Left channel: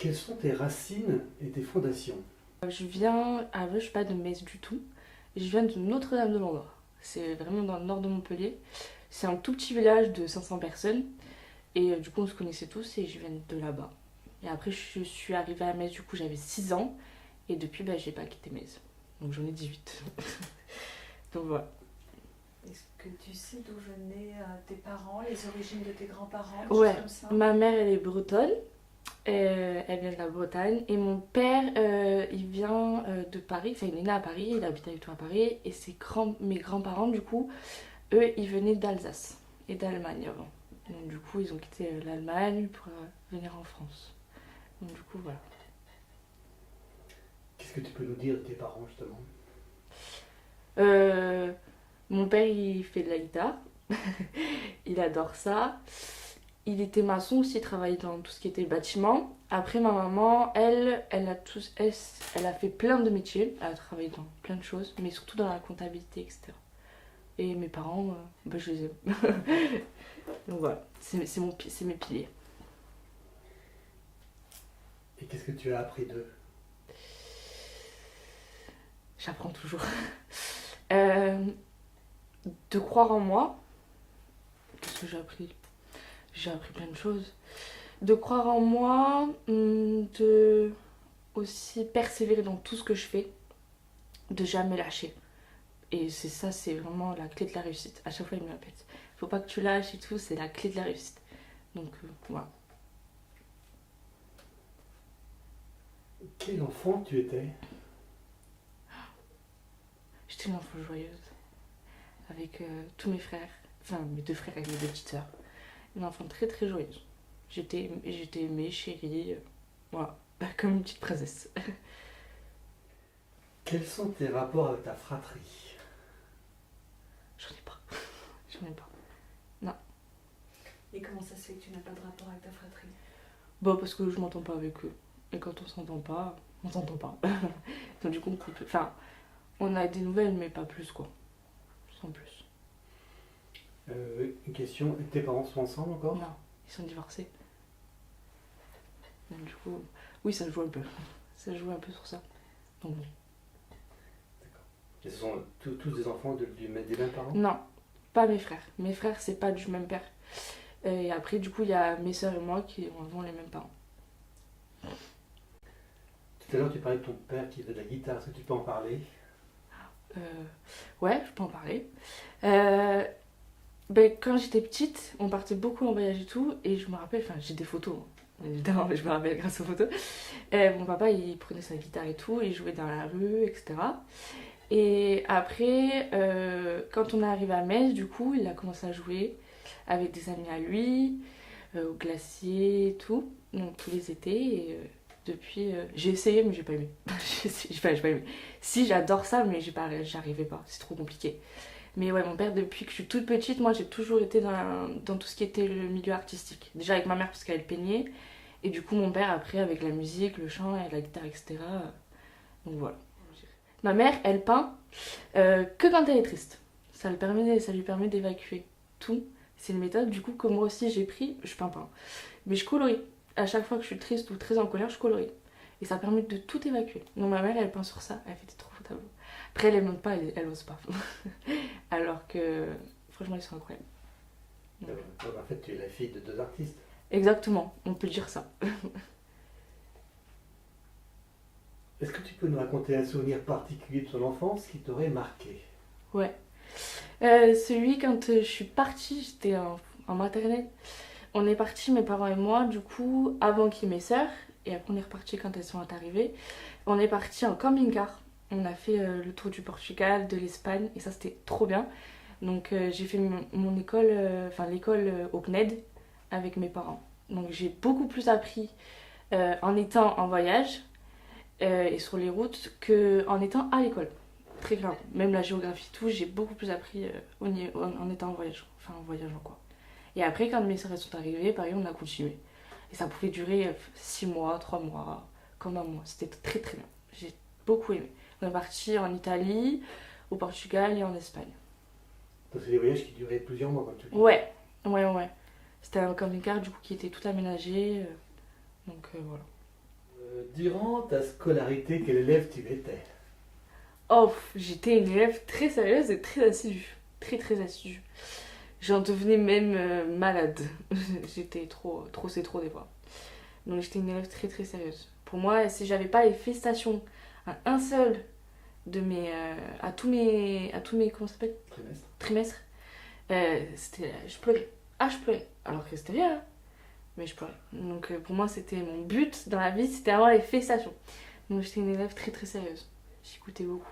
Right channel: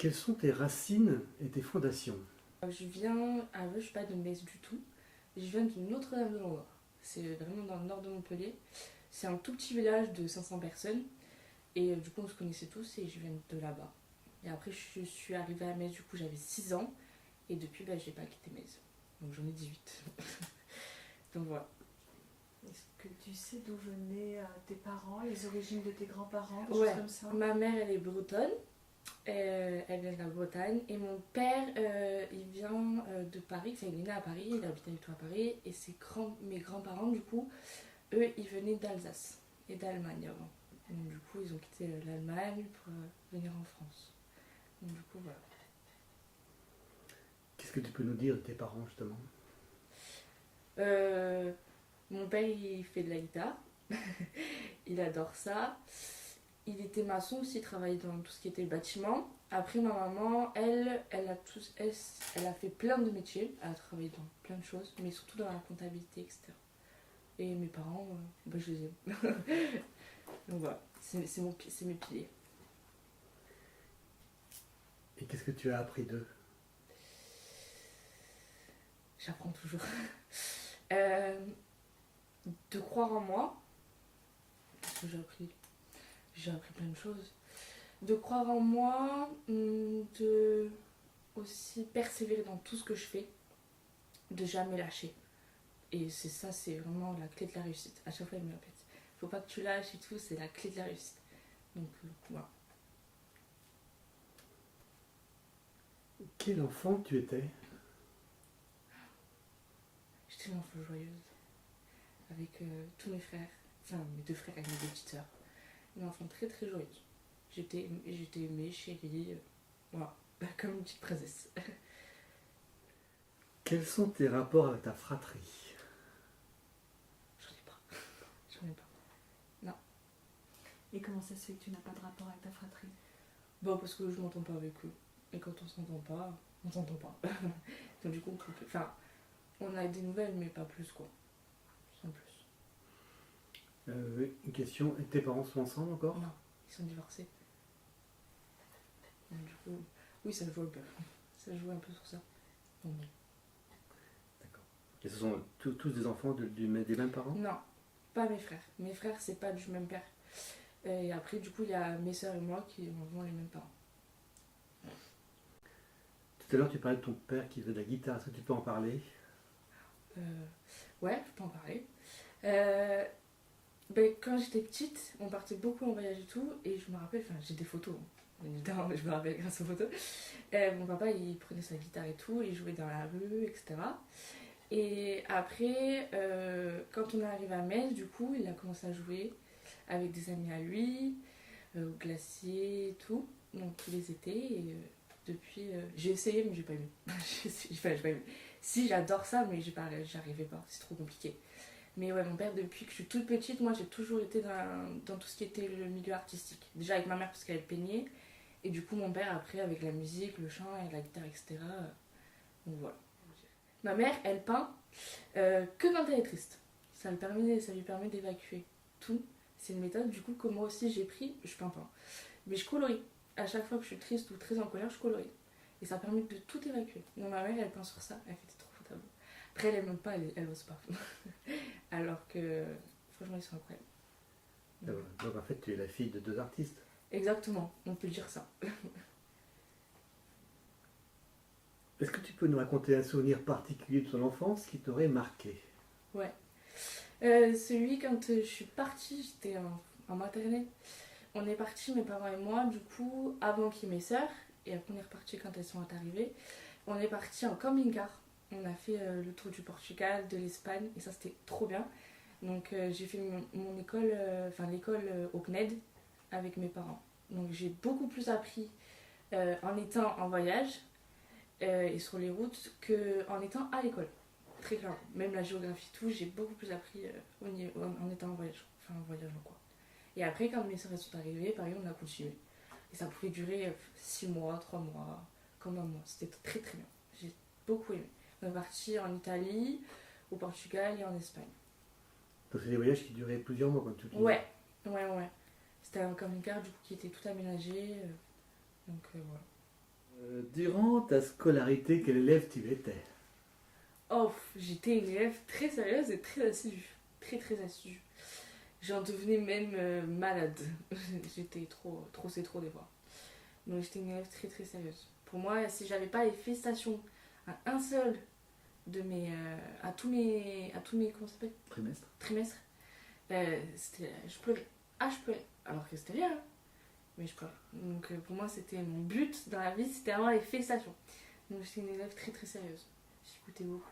Quelles sont tes racines et tes fondations? Je suis pas de Metz du tout. Je viens de Notre-Dame-de-Landre. C'est vraiment dans le nord de Montpellier. C'est un tout petit village de 500 personnes. Et du coup, on se connaissait tous et je viens de là-bas. Et après, je suis arrivée à Metz, du coup, j'avais 6 ans. Et depuis, j'ai pas quitté Metz. Donc j'en ai 18. Donc voilà. Est-ce que tu sais d'où venaient tes parents, les origines de tes grands-parents, des Ouais, choses comme ça? ma mère, elle est bretonne. Elle vient de la Bretagne. Et mon père, il vient de Paris. Enfin, il est né à Paris, il habite avec toi à Paris. Et mes grands-parents, du coup, eux, ils venaient d'Alsace et d'Allemagne avant. Donc du coup, ils ont quitté l'Allemagne pour venir en France. Donc du coup, voilà. Qu'est-ce que tu peux nous dire de tes parents justement? Euh, Mon père, il fait de la guitare. Il adore ça. Il était maçon aussi, il travaillait dans tout ce qui était bâtiment. Après, ma maman, elle a fait plein de métiers. Elle a travaillé dans plein de choses, mais surtout dans la comptabilité, etc. Et mes parents, je les aime. Donc voilà, c'est mes piliers. Et qu'est-ce que tu as appris d'eux? J'apprends toujours. Euh, de croire en moi. Qu'est-ce que j'ai appris? J'ai appris plein de choses. De croire en moi, de aussi persévérer dans tout ce que je fais, de jamais lâcher. Et c'est vraiment la clé de la réussite. À chaque fois, il me répète. Faut pas que tu lâches et tout, c'est la clé de la réussite. Donc voilà. Quel enfant tu étais? J'étais une enfant joyeuse. Avec tous mes frères. Enfin, mes deux frères et mes deux petites sœurs. Une enfant très très joyeuse. J'étais aimée, chérie. Voilà. Comme une petite princesse. Quels sont tes rapports avec ta fratrie? J'en ai pas. J'en ai pas. Et comment ça se fait que tu n'as pas de rapport avec ta fratrie? Bon, parce que je m'entends pas avec eux. Et quand on s'entend pas, on s'entend pas. Donc du coup, on a des nouvelles, mais pas plus quoi. Sans plus. Une question, tes parents sont ensemble encore? Non, ils sont divorcés. Donc du coup, oui, ça joue un peu. Ça joue un peu sur ça. Donc oui. Et ce sont tous des enfants des mêmes parents? Non, pas mes frères. Mes frères, c'est pas du même père. Et après, du coup, il y a mes sœurs et moi qui avons les mêmes parents. Tout à l'heure tu parlais de ton père qui faisait de la guitare, est-ce que tu peux en parler? Ouais, je peux en parler. Quand j'étais petite, on partait beaucoup en voyage et tout, et je me rappelle, enfin j'ai des photos, hein, évidemment, mais je me rappelle grâce aux photos. Mon papa, il prenait sa guitare et tout, il jouait dans la rue, etc. Et après, quand on est arrivé à Metz, du coup, il a commencé à jouer avec des amis à lui, au glacier et tout, donc tous les étés. Et depuis, j'ai essayé, mais j'ai pas aimé. J'ai pas aimé. Si, j'adore ça, mais j'arrivais pas, c'est trop compliqué. Mais ouais, mon père, depuis que je suis toute petite, moi j'ai toujours été dans tout ce qui était le milieu artistique. Déjà avec ma mère parce qu'elle peignait, et du coup mon père après avec la musique, le chant, et la guitare, etc. Donc voilà. Ma mère, elle peint que quand elle est triste. Ça lui permet d'évacuer tout. C'est une méthode du coup que moi aussi j'ai pris. Je peins pas, mais je colorie. À chaque fois que je suis triste ou très en colère, je colorie. Et ça permet de tout évacuer. Donc ma mère, elle peint sur ça, elle fait des trop beaux tableaux. Après, elle aime pas, elle ose pas. Alors que franchement, ils sont incroyables. Donc en fait tu es la fille de deux artistes. Exactement, on peut dire ça. Est-ce que tu peux nous raconter un souvenir particulier de ton enfance qui t'aurait marqué? Ouais. Celui quand je suis partie, j'étais en maternelle. On est partis, mes parents et moi, du coup, avant qu'il y ait mes sœurs. Et après, on est reparti quand elles sont arrivées. On est parti en camping-car. On a fait le tour du Portugal, de l'Espagne. Et ça, c'était trop bien. Donc, j'ai fait mon école, l'école au CNED avec mes parents. Donc, j'ai beaucoup plus appris en étant en voyage et sur les routes qu'en étant à l'école. Très clairement. Même la géographie, tout, j'ai beaucoup plus appris en étant en voyage. Enfin, en voyageant, quoi. Et après, quand mes sœurs sont arrivées, pareil, on a continué. Et ça pouvait durer 6 mois, 3 mois, comme un mois. C'était très très bien. J'ai beaucoup aimé. On est parti en Italie, au Portugal et en Espagne. Donc c'est des voyages qui duraient plusieurs mois comme tu le dis. Ouais. C'était un camping-car du coup qui était tout aménagé. Donc voilà. Durant ta scolarité, quel élève tu étais? Oh, j'étais une élève très sérieuse et très assidue. Très très assidue. J'en devenais même malade. J'étais trop c'est trop des fois. Donc j'étais une élève très très sérieuse. Pour moi, si j'avais pas les félicitations à un seul de mes à tous mes comment ça s'appelle Trimestre. trimestres, je pleurais. Ah, je pleurais. Alors que c'était rien, hein, mais je pleurais. Donc pour moi, c'était mon but dans la vie, c'était avoir les félicitations. Donc j'étais une élève très très sérieuse. J'écoutais beaucoup.